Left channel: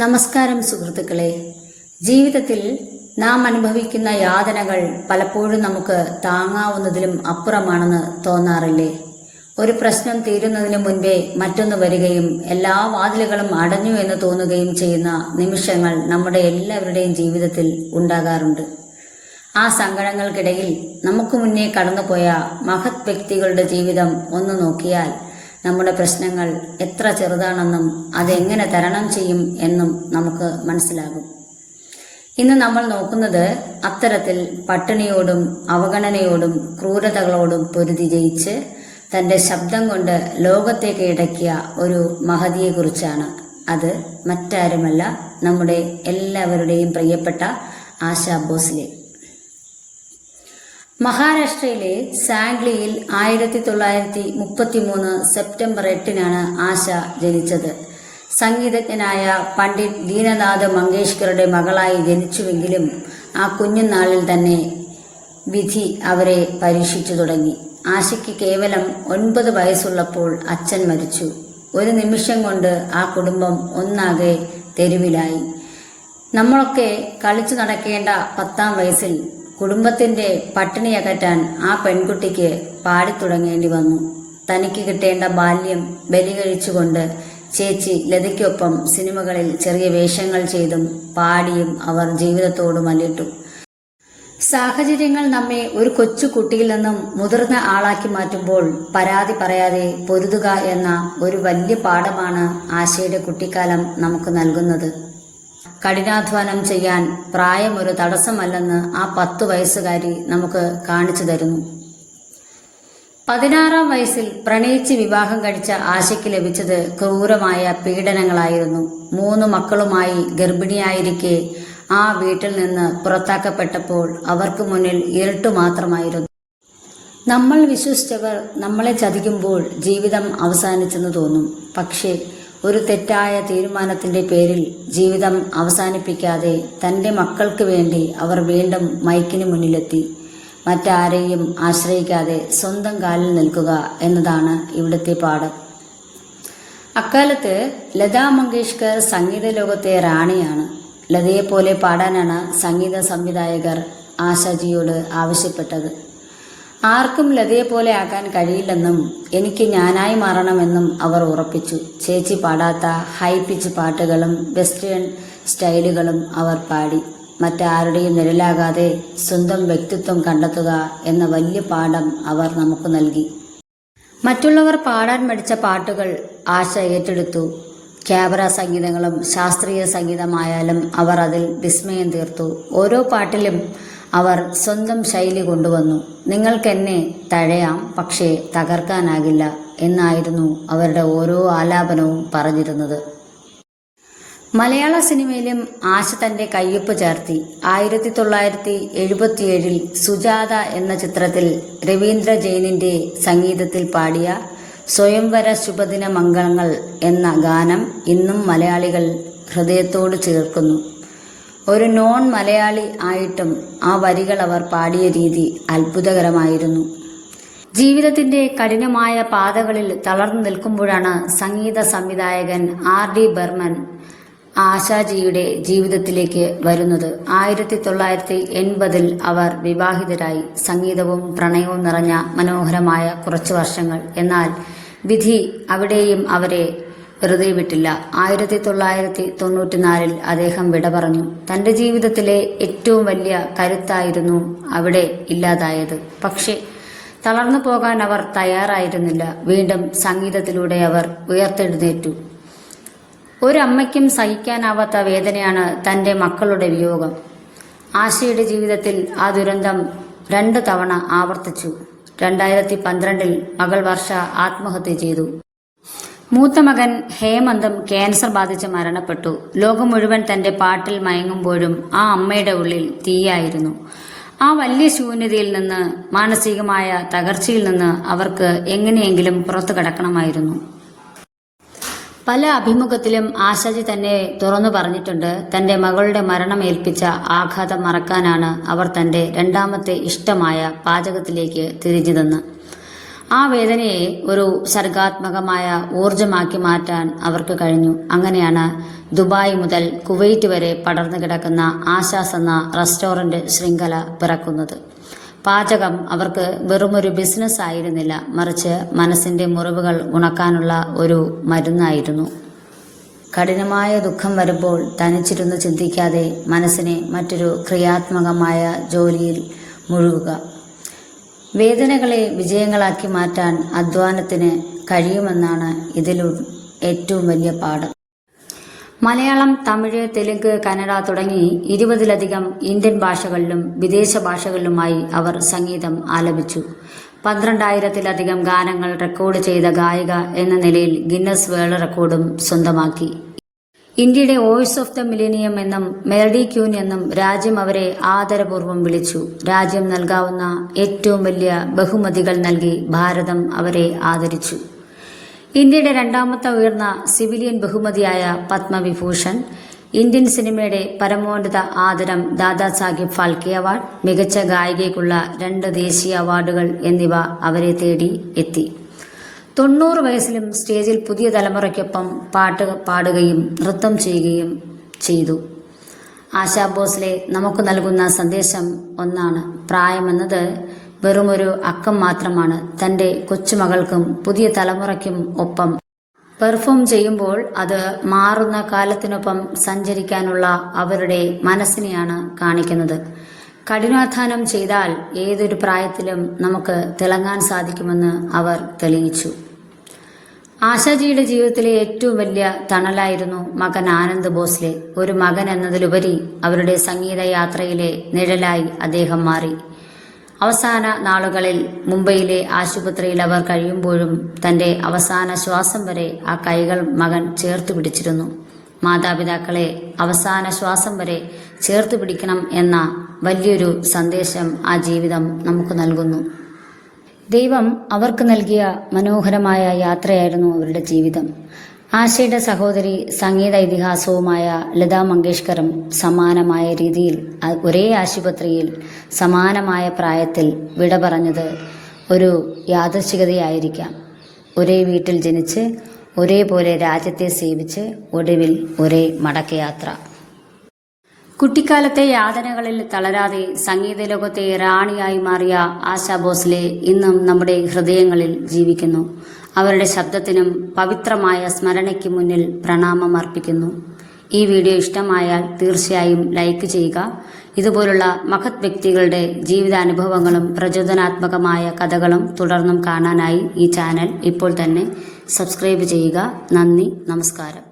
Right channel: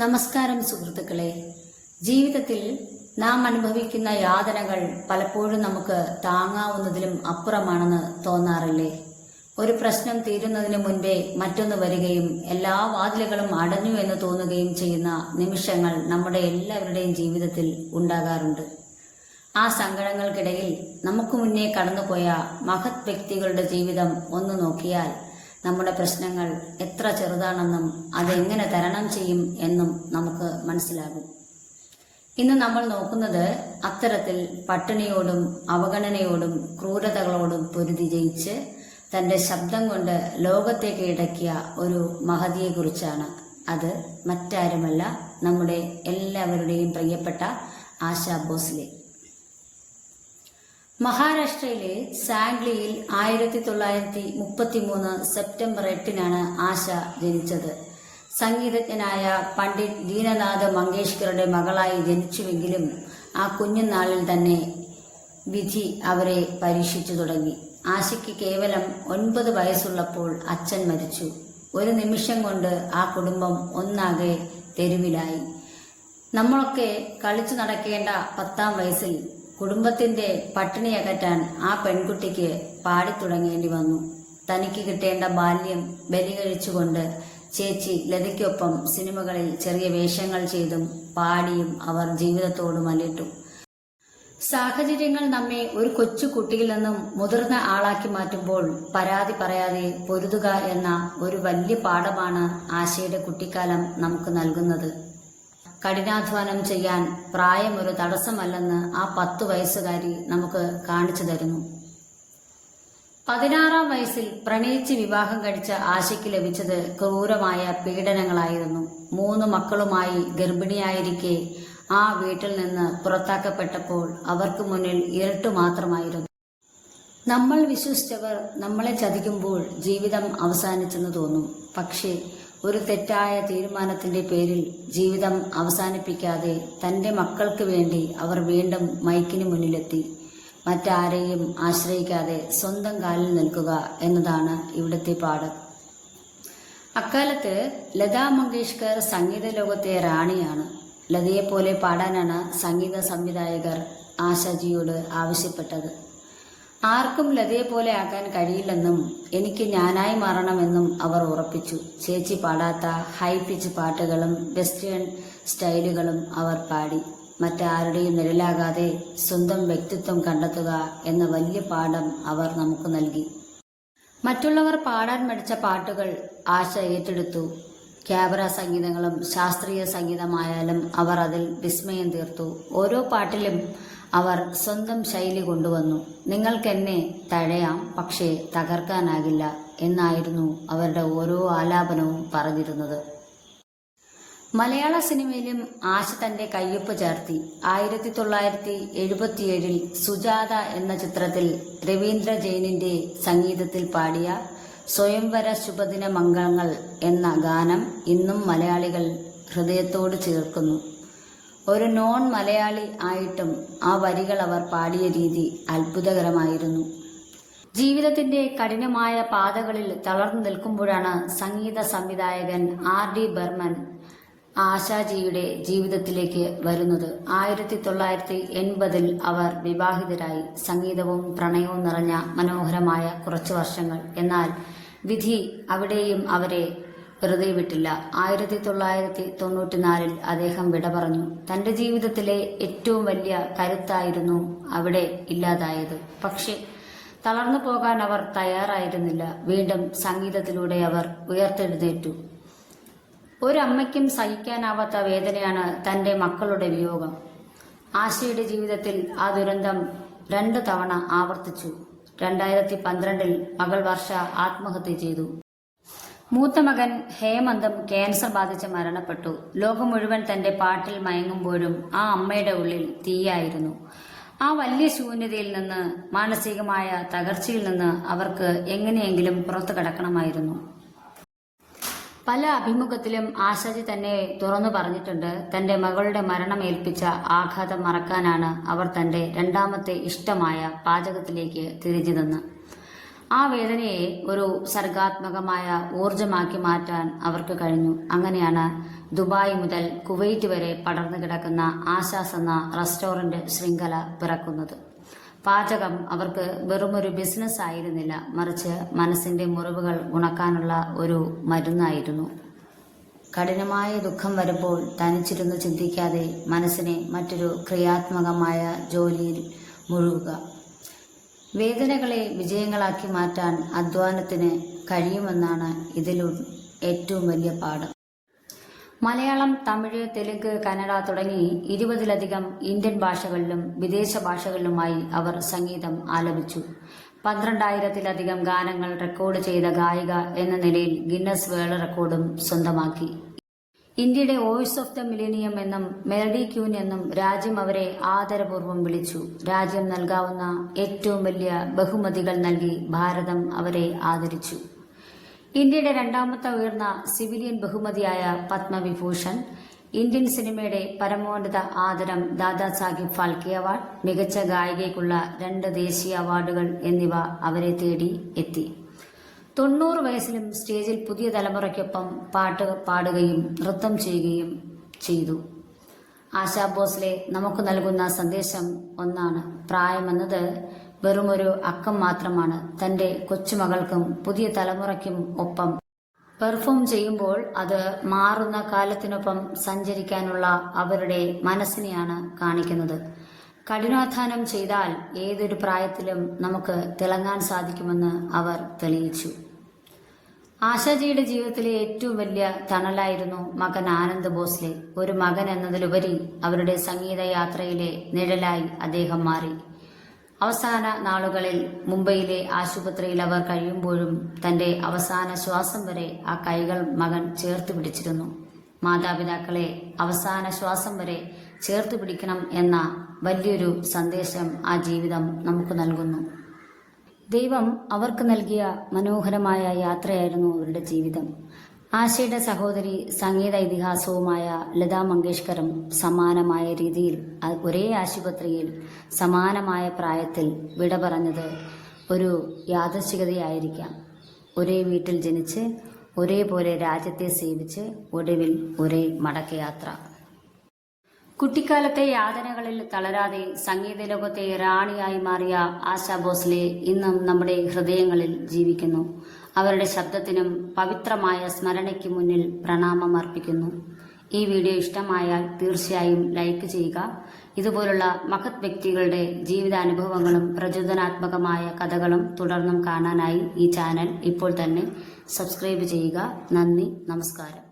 നമസ്കാരം സുഹൃത്തുക്കളെ. ജീവിതത്തിൽ നാം അനുഭവിക്കുന്ന യാതനകൾ പലപ്പോഴും നമുക്ക് താങ്ങാവുന്നതിലും അപ്പുറമാണെന്ന് തോന്നാറില്ലേ? ഒരു പ്രശ്നം തീരുന്നതിന് മുൻപേ മറ്റൊന്ന് വരികയും എല്ലാ വാതിലുകളും അടഞ്ഞു എന്ന് തോന്നുകയും ചെയ്യുന്ന നിമിഷങ്ങൾ നമ്മുടെ എല്ലാവരുടെയും ജീവിതത്തിൽ ഉണ്ടാകാറുണ്ട്. ആ സങ്കടങ്ങൾക്കിടയിൽ നമുക്ക് മുന്നേ കടന്നുപോയ മഹത് വ്യക്തികളുടെ ജീവിതം ഒന്ന് നോക്കിയാൽ നമ്മുടെ പ്രശ്നങ്ങൾ എത്ര ചെറുതാണെന്നും അതെങ്ങനെ തരണം ചെയ്യും എന്നും നമുക്ക് മനസ്സിലാകും. ഇന്ന് നമ്മൾ നോക്കുന്നത് അത്തരത്തിൽ പട്ടിണിയോടും അവഗണനയോടും ക്രൂരതകളോടും പൊരുതി ജയിച്ച് തൻ്റെ ശബ്ദം കൊണ്ട് ലോകത്തെ കീഴടക്കിയ ഒരു മഹതിയെക്കുറിച്ചാണ്. അത് മറ്റാരുമല്ല, നമ്മുടെ എല്ലാവരുടെയും പ്രിയപ്പെട്ട ആശാ ഭോസ്ലെ. മഹാരാഷ്ട്രയിലെ സാംഗ്ലിയിൽ 1933 സെപ്റ്റംബർ 8-നാണ് ആശ ജനിച്ചത്. സംഗീതജ്ഞനായ പണ്ഡിറ്റ് ദീനനാഥ് മങ്കേഷ്കറുടെ മകളായി ജനിച്ചുവെങ്കിലും ആ കുഞ്ഞുനാളിൽ തന്നെ വിധി അവരെ പരീക്ഷിച്ചു തുടങ്ങി. ആശയ്ക്ക് കേവലം 9 വയസ്സുള്ളപ്പോൾ അച്ഛൻ മരിച്ചു. ഒരു നിമിഷം കൊണ്ട് ആ കുടുംബം ഒന്നാകെ തെരുവിലായി. നമ്മളൊക്കെ കളിച്ചു നടക്കേണ്ട 10-ാം വയസ്സിൽ കുടുംബത്തിന്റെ പട്ടിണി അകറ്റാൻ ആ പെൺകുട്ടിക്ക് പാടിത്തുടങ്ങേണ്ടി വന്നു. തനിക്ക് കിട്ടേണ്ട ബാല്യം ബലികഴിച്ചുകൊണ്ട് ചേച്ചി ലതയ്ക്കൊപ്പം സിനിമകളിൽ ചെറിയ വേഷങ്ങൾ ചെയ്തും പാടിയും അവർ ജീവിതത്തോട് മല്ലിട്ടു. സാഹചര്യങ്ങൾ നമ്മെ ഒരു കൊച്ചു കുട്ടിയിൽ നിന്നും മുതിർന്ന ആളാക്കി മാറ്റുമ്പോൾ പരാതി പറയാതെ പൊരുതുക എന്ന ഒരു വലിയ പാഠമാണ് ആശയുടെ കുട്ടിക്കാലം നമുക്ക് നൽകുന്നത്. കഠിനാധ്വാനം ചെയ്യാൻ പ്രായം ഒരു തടസ്സമല്ലെന്ന് ആ 10 വയസ്സുകാരി നമുക്ക് കാണിച്ചു തരുന്നു. 16-ാം വയസ്സിൽ പ്രണയിച്ച് വിവാഹം കഴിച്ച ആശയ്ക്ക് ലഭിച്ചത് ക്രൂരമായ പീഡനങ്ങളായിരുന്നു. 3 മക്കളുമായി ഗർഭിണിയായിരിക്കെ ആ വീട്ടിൽ നിന്ന് പുറത്താക്കപ്പെട്ടപ്പോൾ അവർക്ക് മുന്നിൽ ഇരുട്ട് മാത്രമായിരുന്നു. നമ്മൾ വിശ്വസിച്ചവർ നമ്മളെ ചതിക്കുമ്പോൾ ജീവിതം അവസാനിച്ചെന്ന് തോന്നും. പക്ഷേ ഒരു തെറ്റായ തീരുമാനത്തിന്റെ പേരിൽ ജീവിതം അവസാനിപ്പിക്കാതെ തൻ്റെ മക്കൾക്ക് വേണ്ടി അവർ വീണ്ടും മൈക്കിന് മുന്നിലെത്തി. മറ്റാരെയും ആശ്രയിക്കാതെ സ്വന്തം കാലിൽ നിൽക്കുക എന്നതാണ് ഇവിടുത്തെ പാഠം. അക്കാലത്ത് ലതാ മങ്കേഷ്കർ സംഗീത ലോകത്തെ റാണിയാണ്. ലതയെപ്പോലെ പാടാനാണ് സംഗീത സംവിധായകർ ആശാജിയോട് ആവശ്യപ്പെട്ടത്. ആർക്കും ലതയെപ്പോലെ ആക്കാൻ കഴിയില്ലെന്നും എനിക്ക് ഞാനായി മാറണമെന്നും അവർ ഉറപ്പിച്ചു. ചേച്ചി പാടാത്ത ഹൈ പിച്ച് പാട്ടുകളും വെസ്റ്റേൺ സ്റ്റൈലുകളും അവർ പാടി. മറ്റാരുടെയും നിഴലാകാതെ സ്വന്തം വ്യക്തിത്വം കണ്ടെത്തുക എന്ന വലിയ പാഠം അവർ നമുക്ക് നൽകി. മറ്റുള്ളവർ പാടാൻ മടിച്ച പാട്ടുകൾ ആശ ഏറ്റെടുത്തു. ക്യാബറ സംഗീതങ്ങളും ശാസ്ത്രീയ സംഗീതമായാലും അവർ അതിൽ വിസ്മയം തീർത്തു. ഓരോ പാട്ടിലും അവർ സ്വന്തം ശൈലി കൊണ്ടുവന്നു. നിങ്ങൾക്കെന്നെ തഴയാം, പക്ഷേ തകർക്കാനാകില്ല എന്നായിരുന്നു അവരുടെ ഓരോ ആലാപനവും പറഞ്ഞിരുന്നത്. മലയാള സിനിമയിലും ആശ തന്റെ കയ്യൊപ്പ് ചേർത്തി. 1977 സുജാത എന്ന ചിത്രത്തിൽ രവീന്ദ്ര ജെയിനിന്റെ സംഗീതത്തിൽ പാടിയ സ്വയംവര ശുഭദിന മംഗളങ്ങൾ എന്ന ഗാനം ഇന്നും മലയാളികൾ ഹൃദയത്തോട് ചേർക്കുന്നു. ഒരു നോൺ മലയാളി ആയിട്ടും ആ വരികൾ അവർ പാടിയ രീതി അത്ഭുതകരമായിരുന്നു. ജീവിതത്തിന്റെ കഠിനമായ പാതകളിൽ തളർന്നു നിൽക്കുമ്പോഴാണ് സംഗീത സംവിധായകൻ R.D. ബർമൻ ആശാജിയുടെ ജീവിതത്തിലേക്ക് വരുന്നത്. 1980 അവർ വിവാഹിതരായി. സംഗീതവും പ്രണയവും നിറഞ്ഞ മനോഹരമായ കുറച്ചു വർഷങ്ങൾ. എന്നാൽ വിധി അവിടെയും അവരെ വെറുതെ വിട്ടില്ല. 1994 അദ്ദേഹം വിട പറഞ്ഞു. തന്റെ ജീവിതത്തിലെ ഏറ്റവും വലിയ കരുത്തായിരുന്നു അവിടെ ഇല്ലാതായത്. പക്ഷെ തളർന്നു പോകാൻ അവർ തയ്യാറായിരുന്നില്ല. വീണ്ടും സംഗീതത്തിലൂടെ അവർ ഉയർത്തെഴുന്നേറ്റു. ഒരമ്മയ്ക്കും സഹിക്കാനാവാത്ത വേദനയാണ് തന്റെ മക്കളുടെ വിയോഗം. ആശയുടെ ജീവിതത്തിൽ ആ ദുരന്തം 2 തവണ ആവർത്തിച്ചു. 2012 മകൾ വർഷ ആത്മഹത്യ ചെയ്തു. മൂത്ത മകൻ ഹേമന്തും ക്യാൻസർ ബാധിച്ച് മരണപ്പെട്ടു. ലോകം മുഴുവൻ തന്റെ പാട്ടിൽ മയങ്ങുമ്പോഴും ആ അമ്മയുടെ ഉള്ളിൽ തീയായിരുന്നു. ആ വലിയ ശൂന്യതയിൽ നിന്ന്, മാനസികമായ തകർച്ചയിൽ നിന്ന് അവർക്ക് എങ്ങനെയെങ്കിലും പുറത്തു കടക്കണമായിരുന്നു. പല അഭിമുഖത്തിലും ആശാജി തന്നെ തുറന്നു പറഞ്ഞിട്ടുണ്ട്. തന്റെ മകളുടെ മരണമേൽപ്പിച്ച ആഘാതം മറക്കാനാണ് അവർ തന്റെ 2ാമത്തെ ഇഷ്ടമായ പാചകത്തിലേക്ക് തിരിഞ്ഞതെന്ന്. ആ വേദനയെ ഒരു സർഗാത്മകമായ ഊർജമാക്കി മാറ്റാൻ അവർക്ക് കഴിഞ്ഞു. അങ്ങനെയാണ് ദുബായ് മുതൽ കുവൈറ്റ് വരെ പടർന്നു കിടക്കുന്ന ആശാസ് എന്ന റെസ്റ്റോറന്റ് ശൃംഖല പിറക്കുന്നത്. പാചകം അവർക്ക് വെറുമൊരു ബിസിനസ് ആയിരുന്നില്ല, മറിച്ച് മനസ്സിന്റെ മുറിവുകൾ ഉണക്കാനുള്ള ഒരു മരുന്നായിരുന്നു. കഠിനമായ ദുഃഖം വരുമ്പോൾ തനിച്ചിരുന്ന് ചിന്തിക്കാതെ മനസ്സിനെ മറ്റൊരു ക്രിയാത്മകമായ ജോലിയിൽ മുഴുകുക. വേദനകളെ വിജയങ്ങളാക്കി മാറ്റാൻ അധ്വാനത്തിന് കഴിയുമെന്നാണ് ഇതിലൂടെ ഏറ്റവും വലിയ പാഠം. മലയാളം, തമിഴ്, തെലുങ്ക്, കന്നഡ തുടങ്ങി 20ലധികം ഇന്ത്യൻ ഭാഷകളിലും വിദേശ ഭാഷകളിലുമായി അവർ സംഗീതം ആലപിച്ചു. 12,000-ലധികം ഗാനങ്ങൾ റെക്കോർഡ് ചെയ്ത ഗായിക എന്ന നിലയിൽ ഗിന്നസ് വേൾഡ് റെക്കോർഡും സ്വന്തമാക്കി. ഇന്ത്യയുടെ വോയിസ് ഓഫ് ദ മില്ലേനിയം എന്നും മെലഡി ക്യൂൻ എന്നും രാജ്യം അവരെ ആദരപൂർവ്വം വിളിച്ചു. രാജ്യം നൽകാവുന്ന ഏറ്റവും വലിയ ബഹുമതികൾ നൽകി ഭാരതം അവരെ ആദരിച്ചു. ഇന്ത്യയുടെ രണ്ടാമത്തെ ഉയർന്ന സിവിലിയൻ ബഹുമതിയായ പത്മവിഭൂഷൺ, ഇന്ത്യൻ സിനിമയുടെ പരമോന്നത ആദരം ദാദാ സാഹിബ് ഫാൽക്കെ അവാർഡ്, മികച്ച ഗായികയ്ക്കുള്ള 2 ദേശീയ അവാർഡുകൾ എന്നിവ അവരെ തേടി എത്തി. 90 വയസ്സിലും സ്റ്റേജിൽ പുതിയ തലമുറയ്ക്കൊപ്പം പാട്ട് പാടുകയും നൃത്തം ചെയ്യുകയും ചെയ്തു. ആശാ ഭോസ്ലെ നമുക്ക് നൽകുന്ന സന്ദേശം ഒന്നാണ്: പ്രായമെന്നത് വെറുമൊരു അക്കം മാത്രമാണ്. തന്റെ കൊച്ചുമകൾക്കും പുതിയ തലമുറയ്ക്കും ഒപ്പം പെർഫോം ചെയ്യുമ്പോൾ അത് മാറുന്ന കാലത്തിനൊപ്പം സഞ്ചരിക്കാനുള്ള അവരുടെ മനസ്സിനെയാണ് കാണിക്കുന്നത്. കഠിനാധ്വാനം ചെയ്താൽ ഏതൊരു പ്രായത്തിലും നമുക്ക് തിളങ്ങാൻ സാധിക്കുമെന്ന് അവർ തെളിയിച്ചു. ആശാജിയുടെ ജീവിതത്തിലെ ഏറ്റവും വലിയ തണലായിരുന്നു മകൻ ആനന്ദ് ഭോസ്ലെ. ഒരു മകൻ എന്നതിലുപരി അവരുടെ സംഗീത യാത്രയിലെ നിഴലായി അദ്ദേഹം മാറി. അവസാന നാളുകളിൽ മുംബൈയിലെ ആശുപത്രിയിൽ അവർ കഴിയുമ്പോഴും തന്റെ അവസാന ശ്വാസം വരെ ആ കൈകൾ മകൻ ചേർത്ത് പിടിച്ചിരുന്നു. മാതാപിതാക്കളെ അവസാന ശ്വാസം വരെ ചേർത്ത് പിടിക്കണം എന്ന വലിയൊരു സന്ദേശം ആ ജീവിതം നമുക്ക് നൽകുന്നു. ദൈവം അവർക്ക് നൽകിയ മനോഹരമായ യാത്രയായിരുന്നു അവരുടെ ജീവിതം. ആശയുടെ സഹോദരി സംഗീത ഇതിഹാസവുമായ ലതാ മങ്കേഷ്കറും സമാനമായ രീതിയിൽ ഒരേ ആശുപത്രിയിൽ സമാനമായ പ്രായത്തിൽ വിട പറഞ്ഞത് ഒരു യാദൃച്ഛികതയായിരിക്കാം. ഒരേ വീട്ടിൽ ജനിച്ച് ഒരേപോലെ രാജ്യത്തെ സേവിച്ച് ഒടുവിൽ ഒരേ മടക്കയാത്ര. കുട്ടിക്കാലത്തെ യാതനകളിൽ തളരാതെ സംഗീത ലോകത്തെ റാണിയായി മാറിയ ആശാ ഭോസ്ലെ ഇന്നും നമ്മുടെ ഹൃദയങ്ങളിൽ ജീവിക്കുന്നു. അവരുടെ ശബ്ദത്തിനും പവിത്രമായ സ്മരണയ്ക്ക് മുന്നിൽ പ്രണാമം അർപ്പിക്കുന്നു. ഈ വീഡിയോ ഇഷ്ടമായാൽ തീർച്ചയായും ലൈക്ക് ചെയ്യുക. ഇതുപോലുള്ള മഹത് വ്യക്തികളുടെ ജീവിതാനുഭവങ്ങളും പ്രചോദനാത്മകമായ കഥകളും തുടർന്നും കാണാനായി ഈ ചാനൽ ഇപ്പോൾ തന്നെ സബ്സ്ക്രൈബ് ചെയ്യുക. നന്ദി, നമസ്കാരം.